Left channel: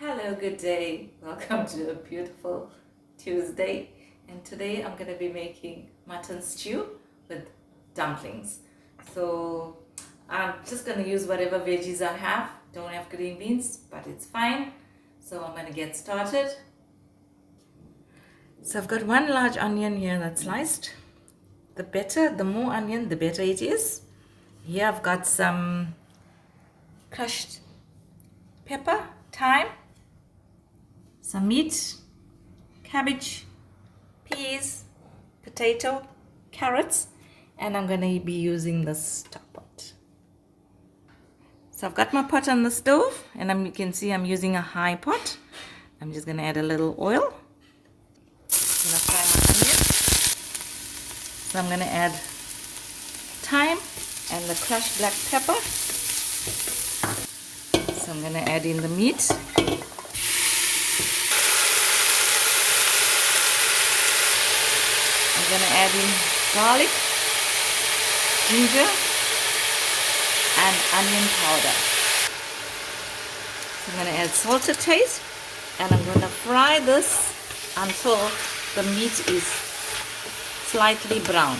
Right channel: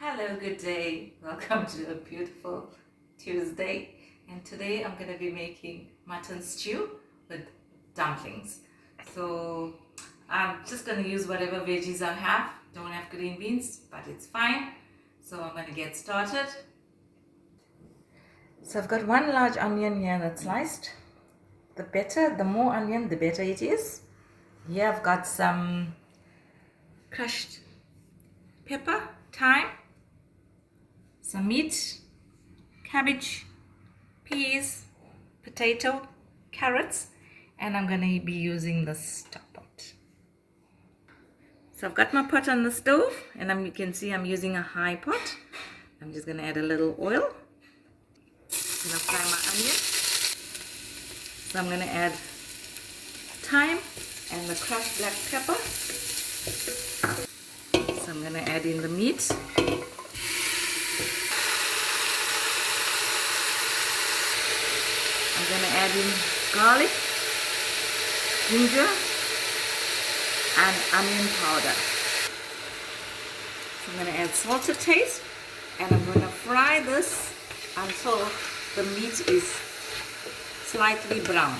Hello, good day. Welcome to a beautiful Tuesday. And today I'm going to be making mutton stew with dumplings. So I'm just going to use whatever veggies I have. Don't have green beans, but it's fine. So I'm going to get started. So I've got one large onion here that's sliced. The more onion, the better it is. Here I've got some crushed pepper, thyme, some meat, cabbage, peas, potato, carrots, and I'm going to be using the stock pot. So I've got my pot on the stove, and you can see I'm using a high pot. I'm just going to add a little oil. I'm going to fry my onion. So I'm going to add thyme and the crushed black pepper. So I'm going to add in the meat. I'm going to add in garlic, ginger, and onion powder. So I'm going to add salt to taste, and I'm going to fry this until the meat is slightly brown.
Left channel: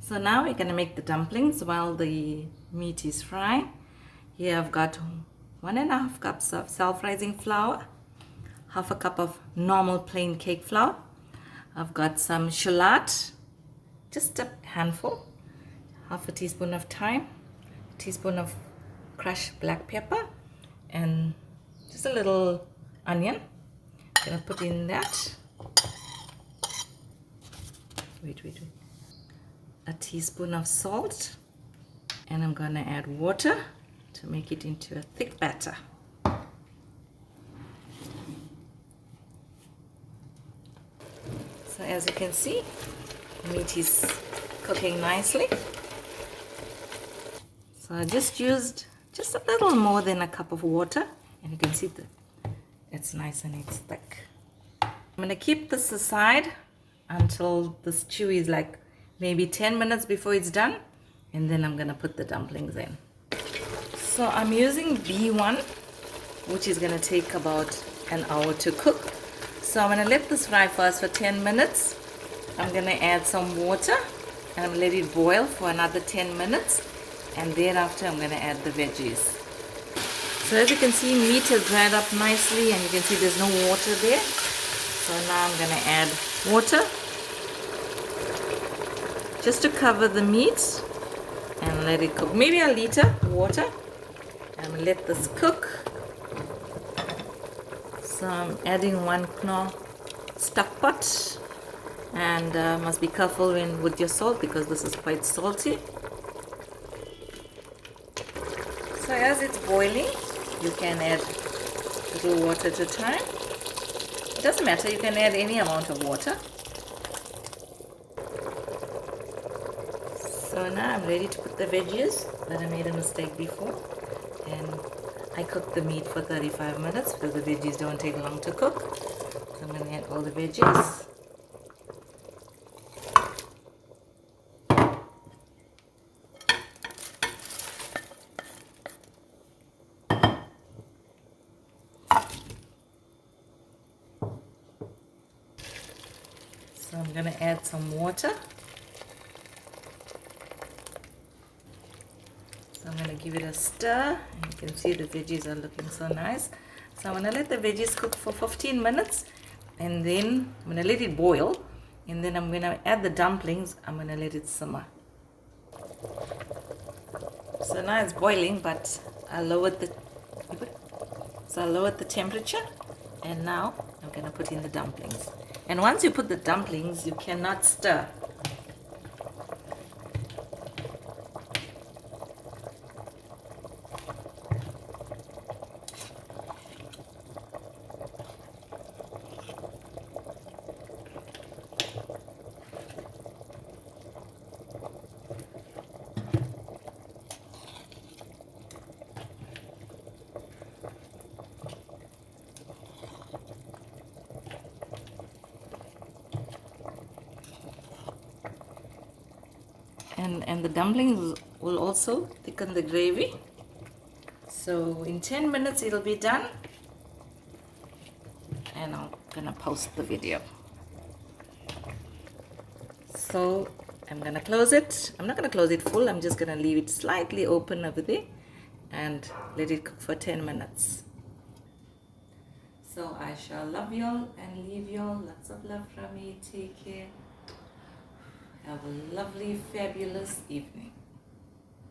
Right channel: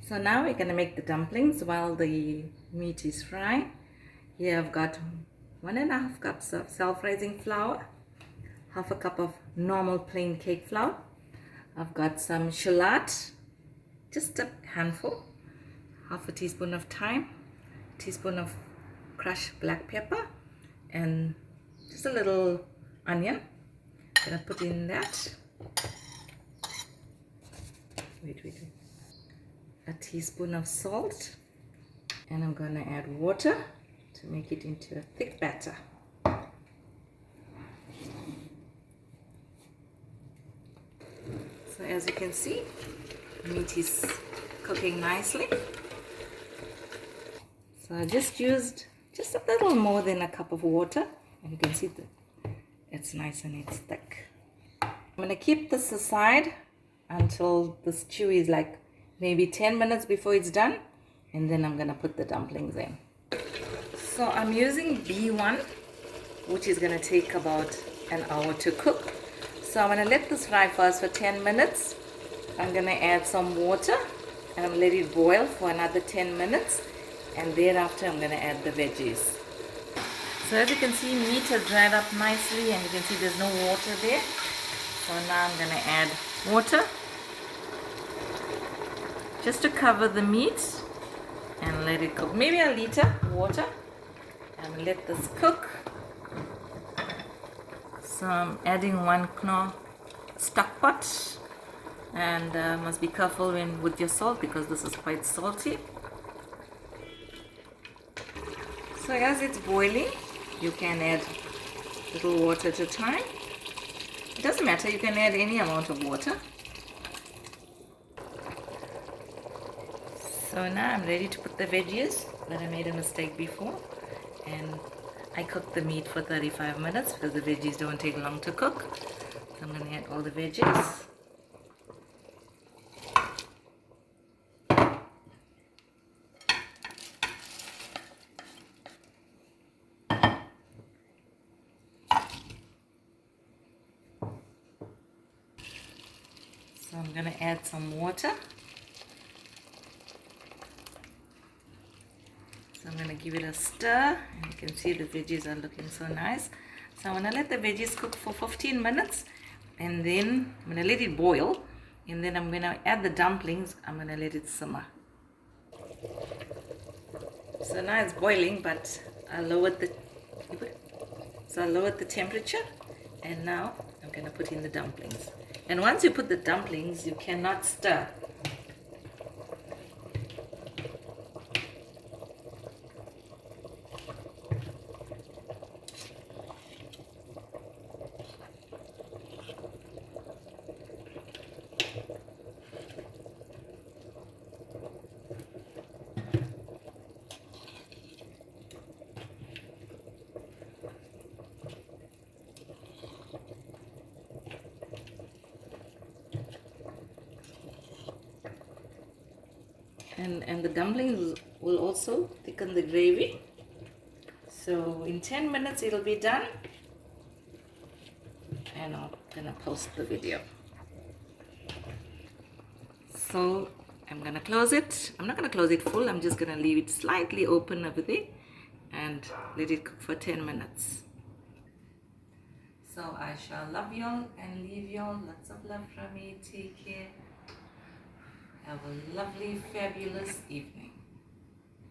So now we're going to make the dumplings while the meat is frying. Here I've got 1.5 cups of self-rising flour, half a cup of normal plain cake flour. I've got some shallot, just a handful, half a teaspoon of thyme, a teaspoon of crushed black pepper, and just a little onion. I'm gonna put in that. Wait. A teaspoon of salt, and I'm gonna add water to make it into a thick batter. So as you can see, meat is cooking nicely. So I just used just a little more than a cup of water, and you can see that it's nice and it's thick. I'm going to keep this aside until the stew is like maybe 10 minutes before it's done, and then I'm going to put the dumplings in. So I'm using B1, which is going to take about an hour to cook. So I'm going to let this fry first for 10 minutes. I'm going to add some water and I'm going to let it boil for another 10 minutes. And thereafter I'm going to add the veggies. So as you can see, meat has dried up nicely, and you can see there's no water there. So now I'm going to add water just to cover the meat and let it cook. Maybe a liter water, and let this cook. So I'm adding 1 knorr stock pot, and must be careful with your salt because this is quite salty. So as it's boiling, you can add a little water at a time. It doesn't matter, you can add any amount of water. So now I'm ready to put the veggies, but I made a mistake before, and I cooked the meat for 35 minutes because the veggies don't take long to cook. So I'm going to add all the veggies. So I'm going to add some water. So I'm going to give it a stir, and you can see the veggies are looking so nice. So I'm going to let the veggies cook for 15 minutes, and then I'm going to let it boil, and then I'm going to add the dumplings. I'm going to let it simmer. So now it's boiling, but I lowered the temperature, and now I'm going to put in the dumplings. And once you put the dumplings, you cannot stir. And the dumplings will also thicken the gravy. So in 10 minutes it'll be done. and I'm gonna post the video. So I'm gonna close it. I'm not gonna close it full. I'm just gonna leave it slightly open over there and let it cook for 10 minutes. So I shall love y'all and leave y'all. Lots of love from me. Take care. Have a lovely, fabulous evening.